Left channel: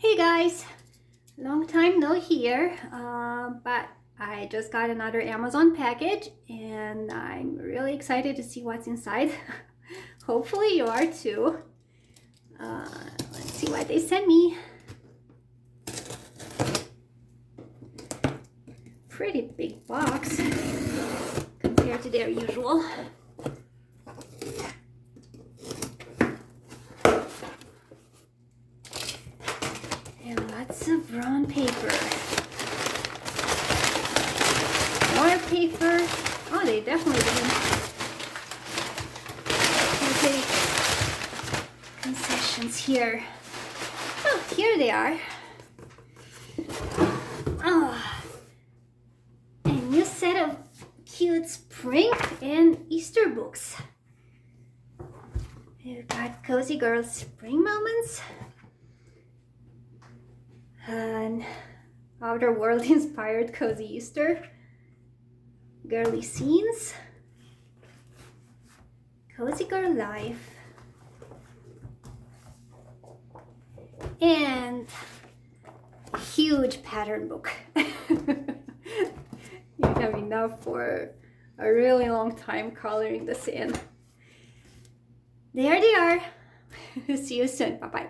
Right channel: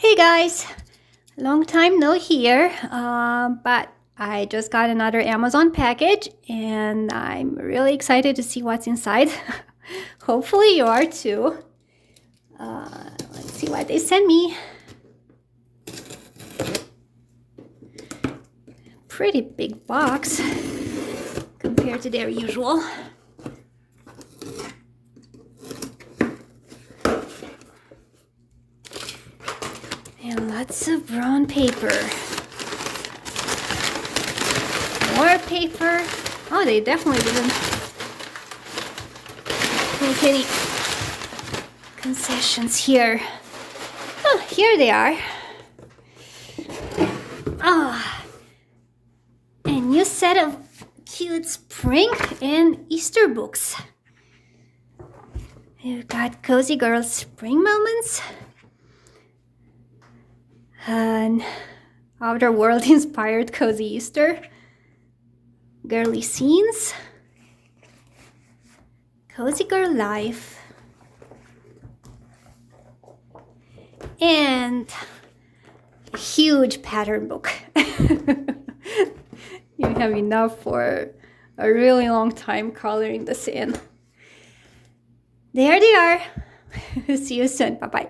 Hey guys, long time no here, but I just got another Amazon package and I'm really excited to see what's inside. Hopefully you are too. Let's see what they sent me. Pretty big box compared to their usual. And lots of brown paper. More paper. Oh, they definitely didn't take any concessions here. Oh, here they are. Ah, a new set of cute spring and Easter books. We've got Cozy Girls Spring Moments. An Outer World inspired Cozy Easter. Girly Scenes. Cozy Girl Life. And a huge pattern book. You have enough for a really long time coloring this in. There they are. See you soon. Bye-bye.